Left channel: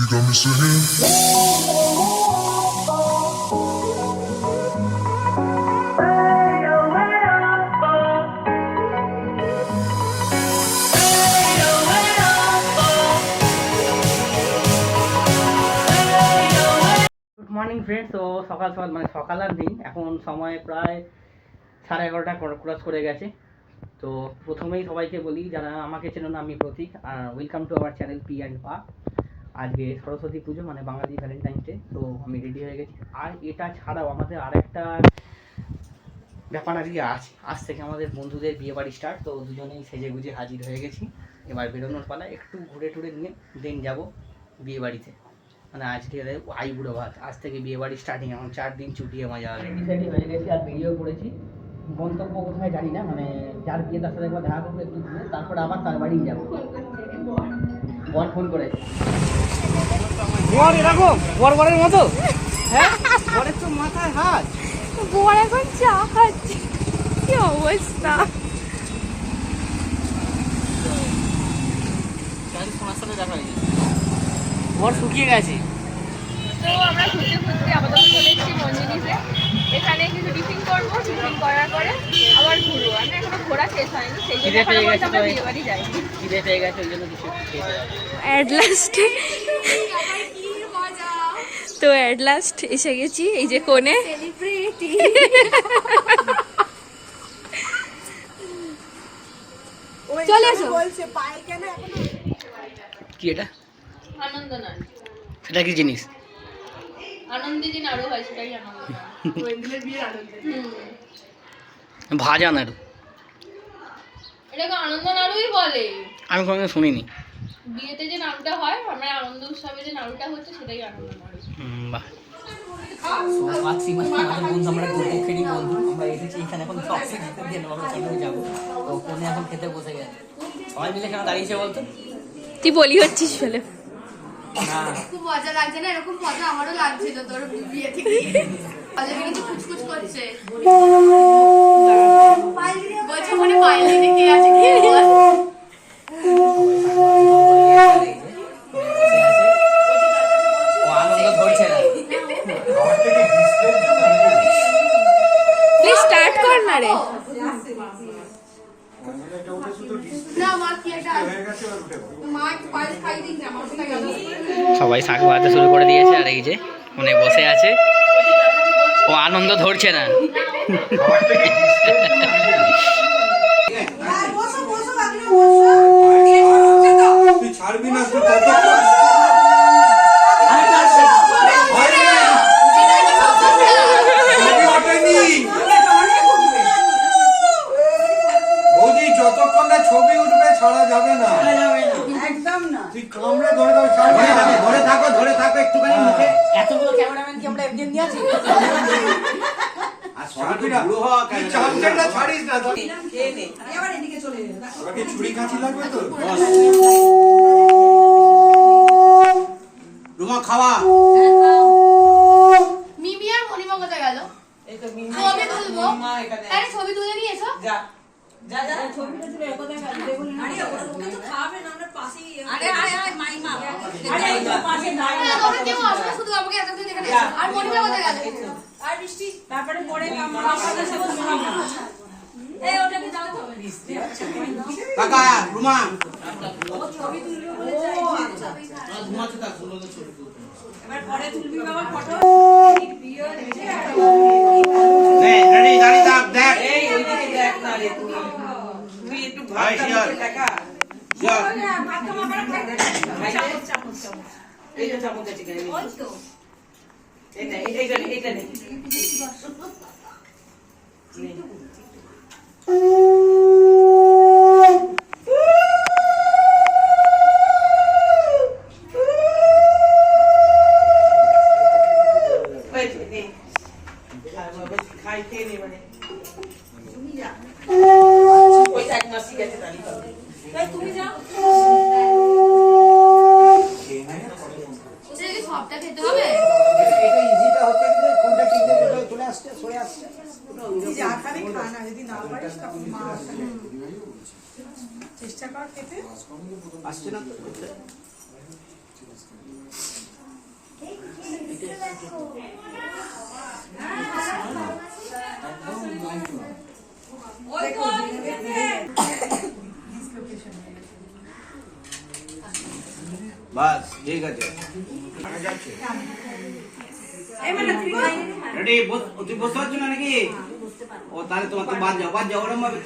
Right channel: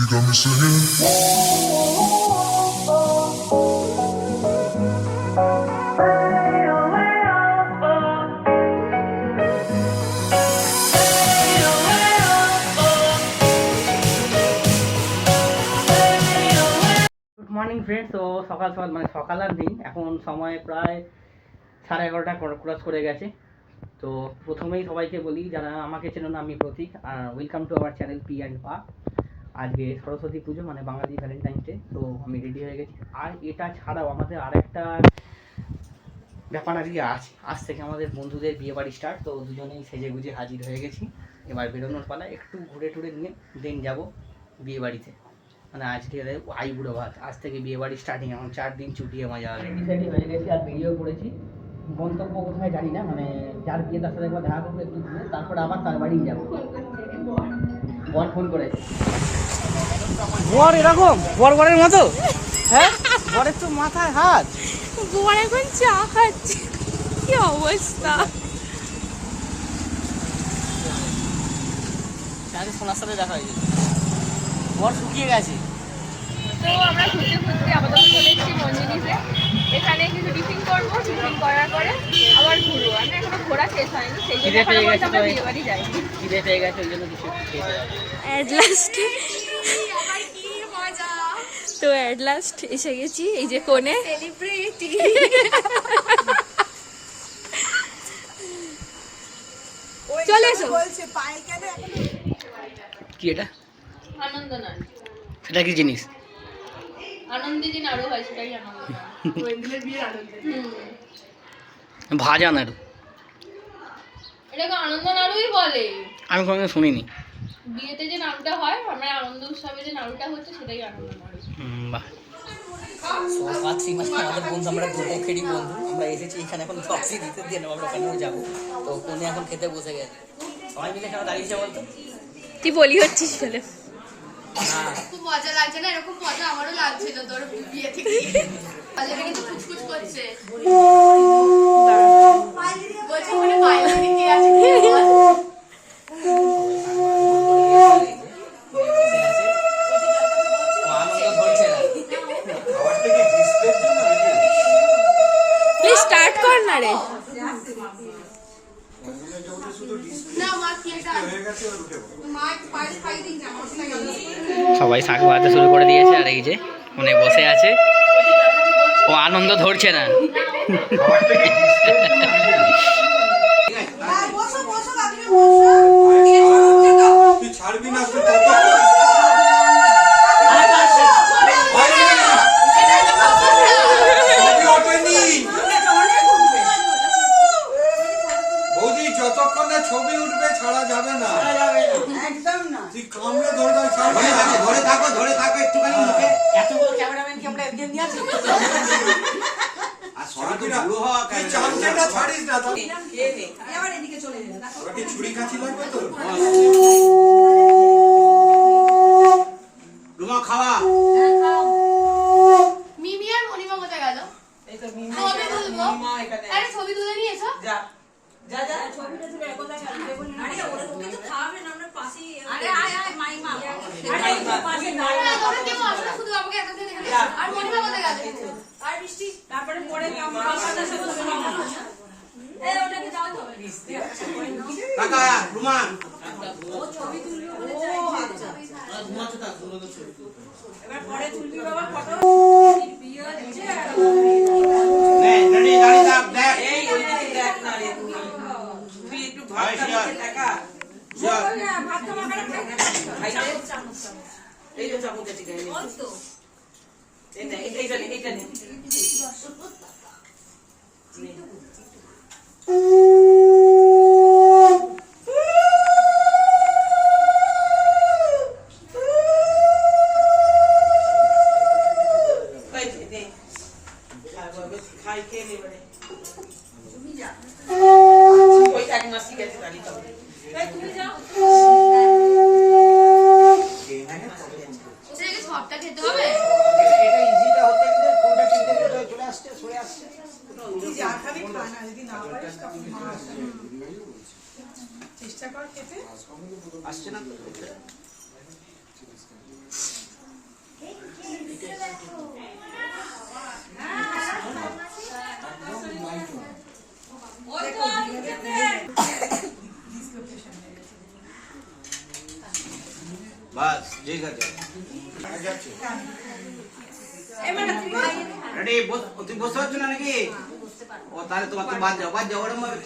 You got me singing. Good morning friends. তো সকাল সকাল মানে সকাল আর দিন এখন সময় প্রায় 11:30 ক্রস করে গেছে। তো প্রথমেই সবাইকে বলি, যারা আমাকে চেনো না, আমি Pratik, welcome to our channel p&pa। আজকে সরস্বতী পুজো মানে বাঙালি ভ্যালেন্টাইন ডে। তো আমি রেডি হয়ে গেছি। আর এটা ছাড়াও আমাদের আরেকটা ব্যাপার আজকে আছে, আজ থেকে আমাদের বন্ধুদের বিয়ে বাড়ি স্টার্ট। তো দুজনেই সেজে গুজে হাজির হয়ে গেছি। এবার বেরোনোর পালা, একটু ঘুরে টুরে নিয়ে দেন যাবো বিয়ে বাড়িতে। মানে আজকে আইবুড়োভাত, আজ থেকে বিয়ে বাড়ি স্টার্টিং। এখন 4 দিন ছুটিয়ে মজা হবে। রেডি হয়ে গেছি আর বেরিয়েও পড়েছি। গন্তব্য কোথায় জানি না, মানে যার বিয়ে তার সাথে একবার দেখা করবো একটু ঘুরে, তারপরে আবার তার বাড়িই যাবো। বর ফোন করেছে। বর এরকম বরের মতো, হ্যাঁ বরের তো মাথায় হাত। বর এখন চা খাচ্ছে, কি অবস্থা। বর শুকিয়ে গেছে। তো আমরা ঘুরতে ঘুরতে আপাতত চলে এসেছি মঞ্জিনিসে। এখানে কিছু টিফিন করবো, টিফিন করার পরে আবার ঘুরবো। আমি এখনো ঘোরা শেষ হয়নি, সেই জন্য আমরা বিয়ে বাড়ি যাই। খিদে পেয়ে গেছে, ওই জন্য কিছু খেতে হবে। অ্যাট লাস্টে তো অ্যাট লাস্ট এসে গেছি, এই যে কোণে সেলিব্রিটি। চলে এসো। কি এটা? আনন্দ নাড়ু। সেটা কি জিনিস? আনন্দে যে নাড়ু হয় সেটাই আনন্দ নাড়ু। ভাজা নাড়ু। এটাকে আনন্দ নাড়ুই বলে। আমি কোনোদিন শুনিনি। বিয়েতে যে নাড়ুটা হয়, আমরা আনন্দ উৎসবে যে নাড়ুটা হচ্ছে সেটাই আনন্দ নাড়ু। বাহ। আমরা এসেছি এখানে, এখন যাবো। তো ফোনে এখন খেতে বসে গেছে, সবাই মিলে কেন দাঁড়িয়েছে বলতো? তুই বলি হচ্ছিস ফেলে। খুব মজা লাগছে না? এরকম মজা আমারও লাগছিল তোর বিয়ে থেকে। আজকে কিন্তু কুচকুচ করছে, বলছে মনে পাইলে কে আছে কি বল। প্লিজ স্টার্ট কর না রে। সবাই শাক ভাজতে শুরু করে দিয়েছে, আর এই যে ফোনে বসে আছে, ও আনন্দ ধরছে না। যতক্ষণ না ছবি উঠবে ছাড়া যাবে না, একদম না। তুই কামড়ে ধরে দাও, ধরে থাকো একটুখানি মুখে। এতগুলো ক্যামেরাম্যান কি আমরা একদিন নিয়ে আছি? আর ছবিটা পুরো হওয়া কেন? চামচাটা ছাড়িস না তো। খেয়ে নে, এবার এদিকে চলে যা। আমাকে ছুরি কাঁচি লাগবে তো? রুমা খাওয়া। মিমি আর মনিমা কোথায় গেল? এই তো মিমি ছবি তুলবো। আরে ছবি তুলে নিয়ে এসো। যা যা যা, ছবিটা তুলে কোথায় গেল দেখুন। আরে ওরা ওকে তো খাবে না, আমরা পাশেই। আরে মাইমা, আরে এই তো পাশে নাই। তোমরা কেউ আসো না, শুধু আমাকে একা দেখে এখানে। আর মনিমা কোথায় গেল? আর বৃষ্টি তারপরে পরে আমরা সাথে সাথে খাবো। এই ওটাকে দাও তো বৃষ্টি। কাকা রুমা ও ছবি তুলবে বলে যাই। ও আচ্ছা ঘুমাতে থাক, বলো তো ছবি তুলতে। এবার পরে তুলবি বাবা ফটো। নে রেডি, দাঁড়িয়ে থাক, দেখ। এই ওইদিকে দেখ না রে, তুই একটু ভাই টাকা চল ভাত খাওয়া খাইতে চামচ এই যে চামচ আছে কেন? ওই তো এইটা নে। খাইতে নে মানে ওই এক মাসি গেছে দাঁড়িয়ে পাবে। তুমি যাও। সবটা খেতে হবে। এটা ইজিটা হচ্ছে যে কোনটা ঠিক আছে চলে আসছে, সরে আসছে। যা খাবি খা না, যদি না পারিস তখন মা চেষ্টা কর খেতে। আসছে না তো। বাস ঠিক আছে রেডি তুই বসতে পারছো না নাকি ও তাহলে তোমার তো বাদ যাও ওরম ভাবে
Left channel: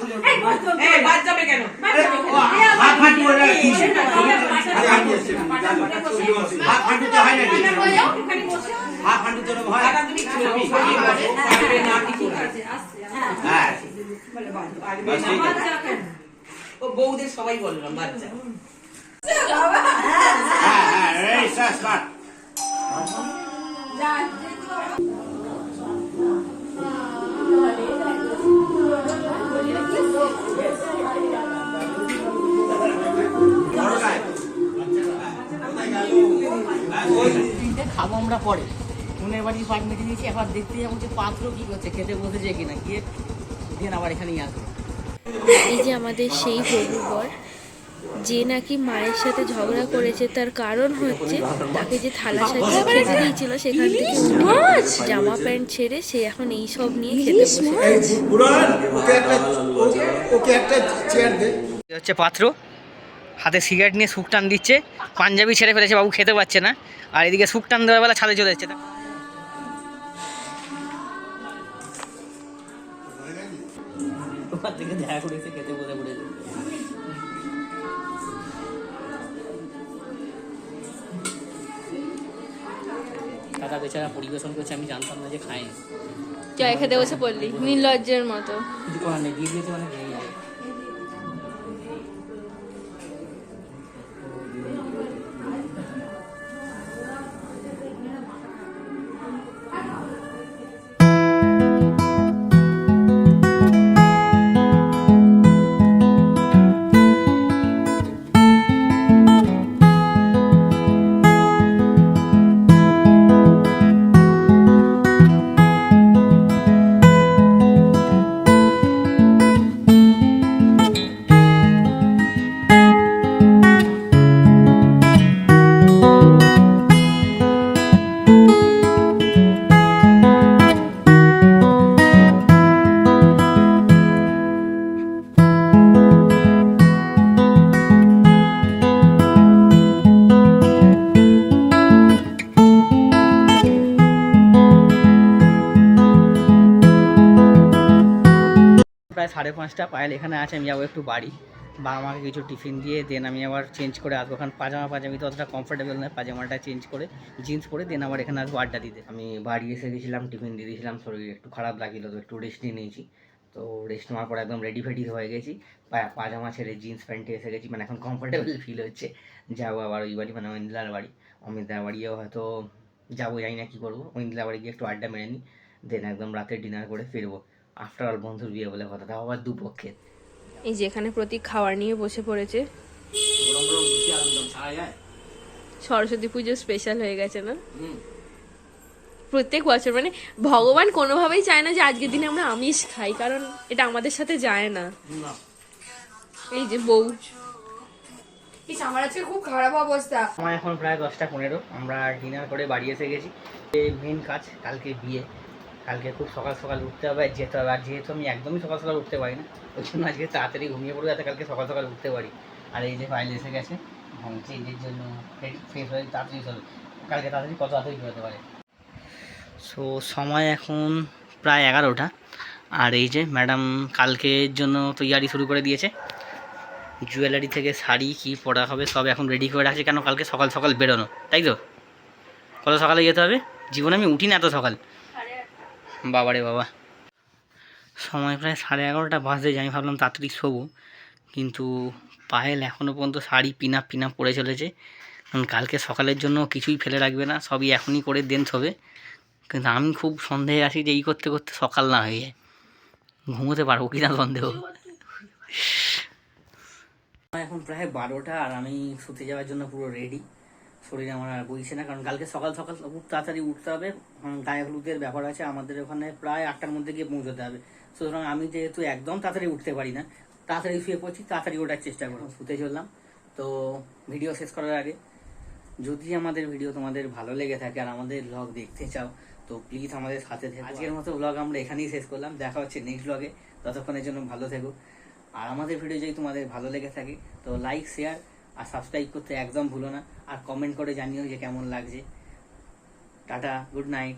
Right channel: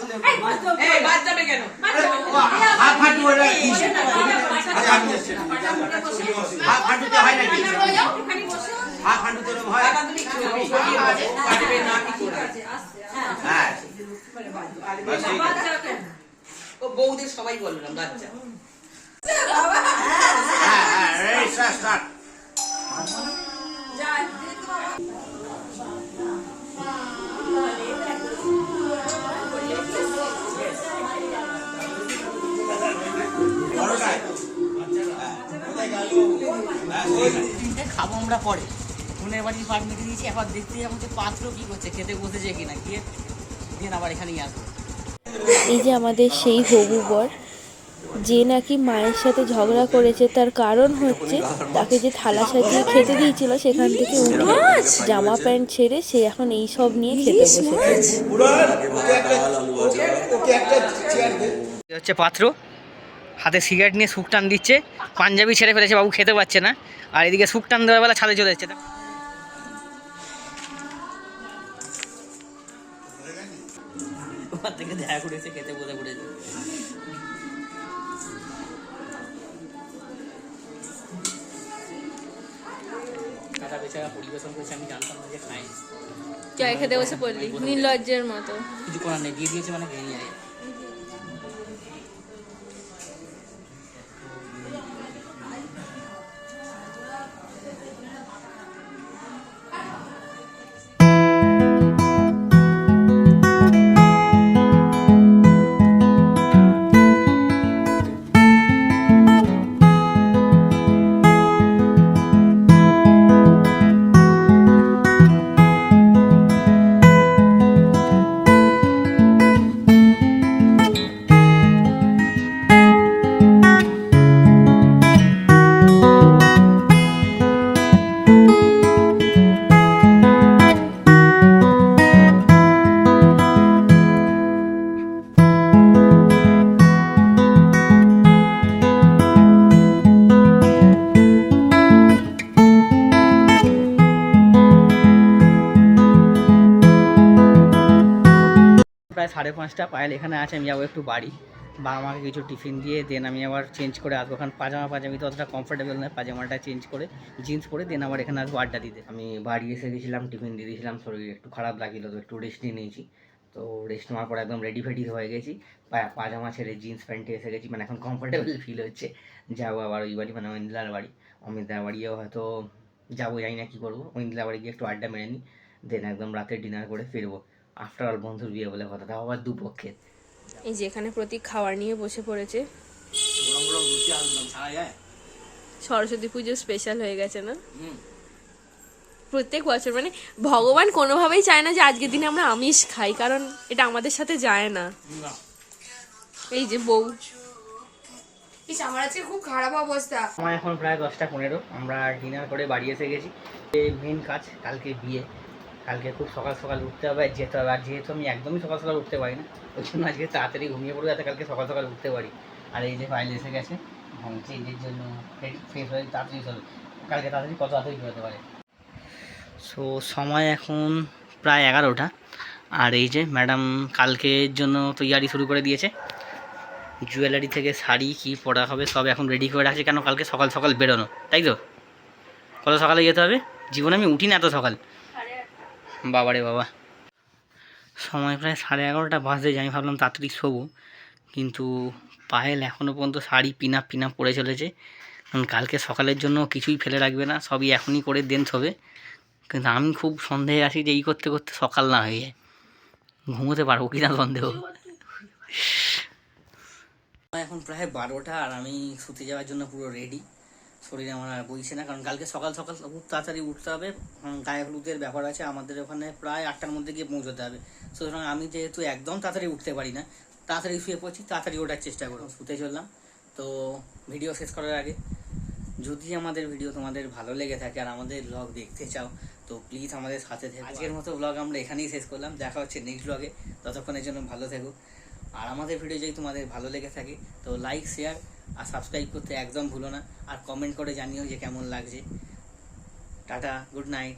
বাদ যাবে কেন? হাত ফাটি ওরা কি হাত ফাটুতে হয় নাকি হাত ফাটুতে ওরম হয় হ্যাঁ ও বউদের সবাই বললাম বাচ্চা হ্যাঁ রেডি স্টার্ট খাবো আমরা পরে ফোনের বাড়ির পাট মেটে দিয়েছি, এবার দেখতে যাবো যে পাত্র কি করছে, খেতে বসেছে কিনা, গিয়ে দিয়ে আবার এখানেই আসবে। এই যে আমাদের সেই হবু বর, যে নাকি মায়ের সাথে ঝগড়া করেছে, তার কারণ হচ্ছে তাকে যে থালা সাজিয়ে খেতে দিয়েছিল সেখান থেকে উঠে জামা প্যান্ট ছেড়ে সে এখন এই সব নিয়ে খেতে বসে। হচ্ছে পাত্র হাতে সিগারেট নিয়ে সুখ টান দিচ্ছে, পাঞ্জাবি ছেড়ে ফেলেছে, বাবু খেতে পাচ্ছে না, আর এদিকে সুখ টান দেওয়ার বেলা ছাদে চলে যাচ্ছে। তোমার থেকে দেখা করেছে, খেতে বসে পড়েছে। দাদা বেচারা পরিবেশন করছে, আমি জানতাম না যে খায়। জয় খেতে বসে পড়লি নির্লজ্জের মতো। কিছু করার নেই, দিয়ে দিয়েছে মানে দিয়ে যাবে। প্রায় 5:30 পায়েল এখানে আছে, আমি যাবো একটু বাড়ি, বাবা মাকে কিছু টিফিন দিয়ে দেন আমি আবার চেঞ্জ করে আসবো। কারণ পাজামি তো অতটা কমফোর্টেবল নয়, পাজামাটা চেঞ্জ করে জিন্স পরে দেন আবার এখানে আসবো আড্ডা দিতে। আমি বাড়ি এসে গেছিলাম, টিফিন দিয়ে দিয়েছিলাম, শরীর একটু খারাপ লাগিল তো একটু রেস্ট নিয়ে নিয়েছি। তো রেস্ট নেওয়ার পর একদম রেডি ফেডি হয়ে গেছি, পাজামা ছেড়ে জিন্স প্যান্টে এসে গেছি, মানে এখন কমফোর্টেবল ফিল হচ্ছে। যাবো আবার ওই বাড়ি, মানে ঐন্দিলার বাড়ি, অমিতদার বাড়িও হয়তো যাবো, জানি না কী করবো। ঐন্দিলার বাড়ি গিয়ে একটু আড্ডা মেরে নিই, দেন একদম রাতে ডিনার করে ফিরবো। আফটার অল বন্ধুর বিয়ে বলে কথা, তাও আবার দুপক্ষের। এই যেখানে প্রতীক খাবার নিয়ে বসে পড়েছে, সরস্বতী পুজো স্পেশাল হয়ে গেছে না প্রত্যেক বছর। মানে ভগবান কোনোভাবেই চায় না যে আজকের দিনে আমরা আমিষ খাই, কারণ এটা আমাদের সাথে যায় না। এই যে বউ, আমার আজকে খুব খারাপ অবস্থা। আমার এখন প্রায় 10:15, আমরা ডিনার করে বাড়ি এসে গেছি। মেন কাজ কালকে বিয়ে, কালকে খুব সকাল সকাল উঠতে হবে, যেতে হবে। আর যেহেতু আমি একদমই সকাল সকাল উঠতে পারি না, ওই জন্য আজকে তাড়াতাড়ি ঘুমিয়ে পড়বো, যাতে কালকে সকাল সকাল উঠতে পারি। আর এই যে ফাইল এসে গেছে, চেঞ্জের জন্য ফ্রেশ হয়ে তাড়াতাড়ি চলবে, কালকে তাড়াতাড়ি কত তাড়াতাড়ি বেরোতে পারে। সো সময় এখন প্রায় 11টা, আর এই যে ম্যাডাম কালকের জন্য তৈয়ারি শুরু করে দিয়েছে। জুয়েলারি থেকে শাড়ি কী পরা হবে সব এখন রেডি করে রাখছি, কেন কালকে সকাল সকাল বেরোনো, তাই তো? কত সকালে যেতে হবে? জীবনে আমি উঠি না এত সকাল, বাবারে বাবা। সময় প্রায় 11:30 বাজতে যায়, আমি ভাবলাম তাড়াতাড়ি শোবো, কিন্তু পায়েল এখনও পর্যন্ত শাড়ি পিনা পরে চলেছে। কারণ কালকে সকালের জন্য কিছুই ফেলে রাখবে না, সবই এখনই করে দেন শোবে। কিন্তু আমি খুব সন্দেহে আছি যে এই করতে করতে সকাল না হয়ে যায়, ঘুমোতে পারবো কি না সন্দেহ। এখন প্রায় 12টা, আর আমি শুতে যাওয়ার জন্য পুরো রেডি। শরীর আমার আর বইছে না, কারণ কালকে সকাল সকাল খুব তাড়াতাড়ি উঠতে হবে। গায়ে হলুদের ব্যাপার আছে, আমাদের ওখানে প্রায় 8টার মধ্যে গিয়ে পৌঁছতে হবে। সুতরাং আমি যেহেতু একদম তাড়াতাড়ি উঠতে পারি না, তাড়াতাড়ি শুয়ে পড়ছি, তাড়াতাড়ি ওঠার চেষ্টা করলাম, শুতে চললাম। তো ভিডিও শেষ করার আগে, যদি আমাদের ভিডিও তোমাদের ভালো লেগে থাকে আর আমাদের ব্লগ দেখতে চাও, তো প্লিজ আমাদের সাথে থেকো। আজকের মতো ব্লগ আমরা এখানেই শেষ করলাম, দেখা হচ্ছে নেক্সট ব্লগে, ততক্ষণের জন্য ভালো থেকো। আর আমাদের ভিডিও যদি তোমাদের ভালো লেগে থাকে তো লাইক, শেয়ার আর সাবস্ক্রাইব করতে একদম ভুলো না, আর কমেন্ট করে জানিও যে কেমন লাগছে। Tata, good night.